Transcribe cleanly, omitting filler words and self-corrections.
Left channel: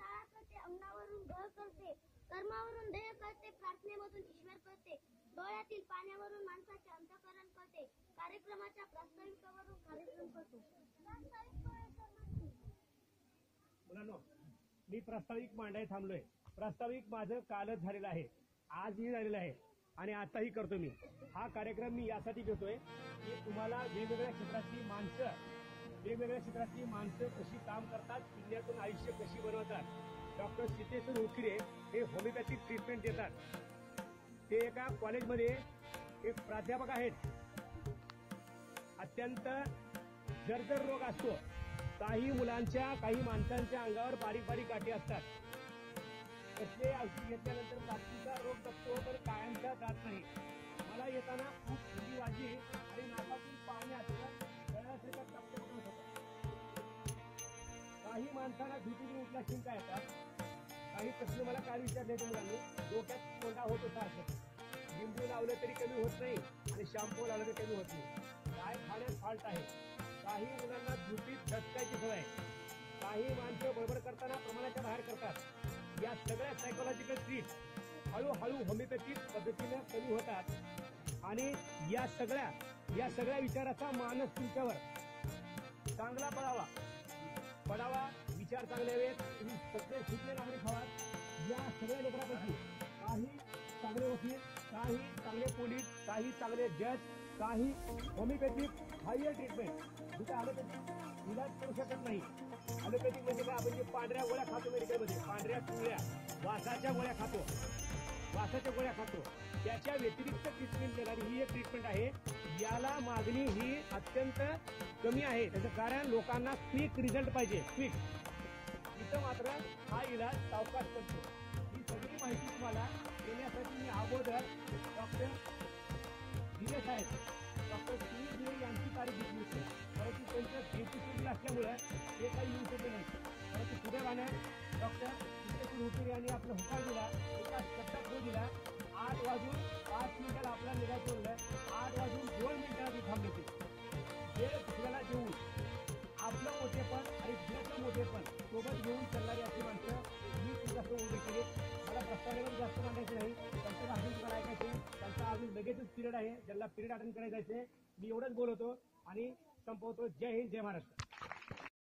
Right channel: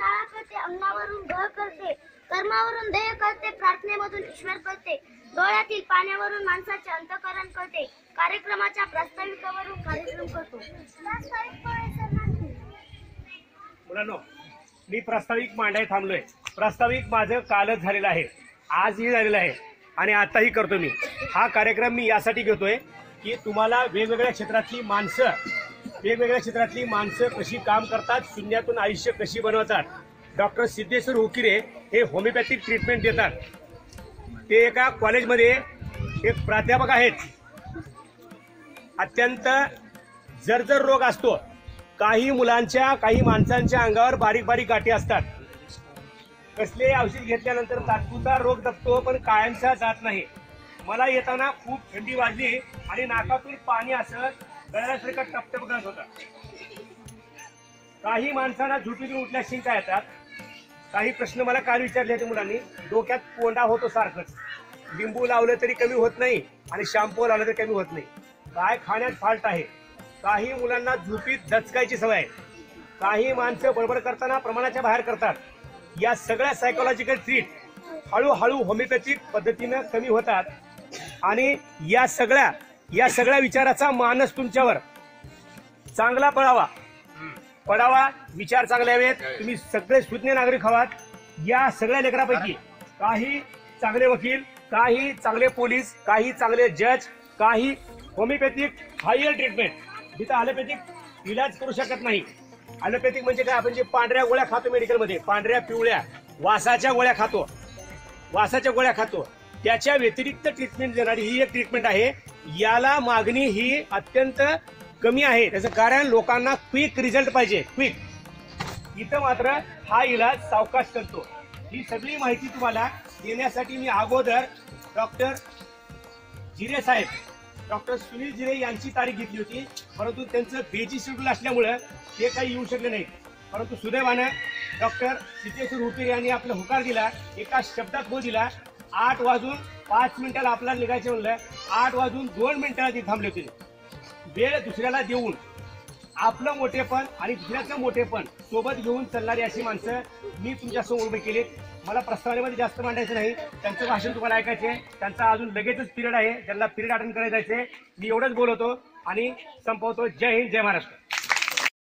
शाळा करते, अंगावरून बळ करते, कर्मावरून ध्येय करते, प्रार्थनेमधून ईश्वर करते, डोळ्यातील पाण्यावरून माणसाचे अंतःकरण करते, कार्यक्रमाच्या प्रास्ताविकावरून कार्यक्रम करतो. मुलांनो, मी प्रास्ताविक मांडाय थांबलोय. प्रास्ताविक माझं कालच झालेलं आहे, आजही झालेलं आहे आणि आताही करतो मी. हा कार्यक्रम मी यासाठी घेतोय की तुम्हाला वेगवेगळ्या क्षेत्रातली माणसं कशी काम करतात, शून्यातून आयुष्य कशी बनवतात. डॉक्टर सिद्धेश्वर हुकिरे हे होमिओपॅथिक ट्रीटमेंट देतात. ते एका कॉलेजमध्ये एक प्राध्यापक आहेत. अत्यंत जर्जर रोग असतो. काही माणसांच्या अंगावर बारीक बारीक गाठी असतात. कसले औषध घेतल्यानंतर तात्पुरता रोग दबतो, पण कायमचा जात नाही. मला येताना खूप थंडी वाजली आणि नाकातून पाणी असं गळ्यासारखं टपटप करत होतं. काही माणसांना झोपेतून उठल्या शिंका येतात. काही प्रश्न मला काल विचारले होते मुलांनी. डोक्यात कोंडा होतो सारखंच. लिंबू लावलं तरी कमी होत नाही आणि शॅम्पू लावलं तरी कमी होत नाही. काय खाण्यात फॉल्ट आहे. काही मुलांना झोपीत दचकायची सवय आहे. काही माणसं बडबड करताना प्रमाणाच्या बाहेर करतात. या सगळ्या सायकोलॉजिकल ट्रीट हळूहळू होमिओपॅथिक पद्धतीनं कमी होतात आणि या सगळ्या विचाराचा मानस तुमच्यावर चांगला पडावा. विचार चांगले हवेत. तुम्ही सगळे सुज्ञ नागरिक आहात. या सगळ्या लेकरापैकी काही चांगले वकील, काही चांगले पोलीस, काही चांगले जज, काही होमिओपॅथिक हायर ट्रीटमेंट, जिथं ॲलोपॅथिक इलाज करू शकत नाही. ॲलोपॅथिक म्हणजे काय, आपण जे पांढऱ्या गोळ्या खातो मेडिकलमध्ये, पांढऱ्या पिवळ्या वासाच्या गोळ्या खातो, त्याच्या व्यतिरिक्त ट्रीटमेंट देणारी ही एक ट्रीटमेंट आहे. याला मागणी ही अत्यंत कमी आहे. त्याचं कारण लोकांना क्विक रिझल्ट पाहिजे, क्विक. इथं मात्र हा इलाज सावकाश करतो. ही सगळी माहिती तुम्हाला देण्यासाठी मी अगोदर डॉक्टर सुनील जिरे यांची तारीख घेतली होती, परंतु त्यांचं बिझी शेड्यूल असल्यामुळं ते काही येऊ शकले नाहीत. परंतु सुदैवानं डॉक्टर सिद्धेश्वर हुकिरे यांनी आपला होकार दिला, एका शब्दात हो दिला. 8:05 आपल्याला निघायचं म्हणलं, 8:02 ते थांबले होते. वेळ दुसऱ्याला देऊन आपलं मोठेपण आणि दुसऱ्याचं मोठेपण सोबत घेऊन चालणारी अशी माणसं मी तुमच्यासमोर उभे केले. मला प्रस्तावनेमध्ये जास्त मांडायचं नाही. त्यांचं भाषण तुम्हाला ऐकायचं आहे. त्यांचा अजून लगेचच पिरियड आहे, त्यांना पिरियड अटेंड करायचं आहे. मी एवढंच बोलवतो आणि संपवतो. जय हिंद, जय महाराष्ट्र.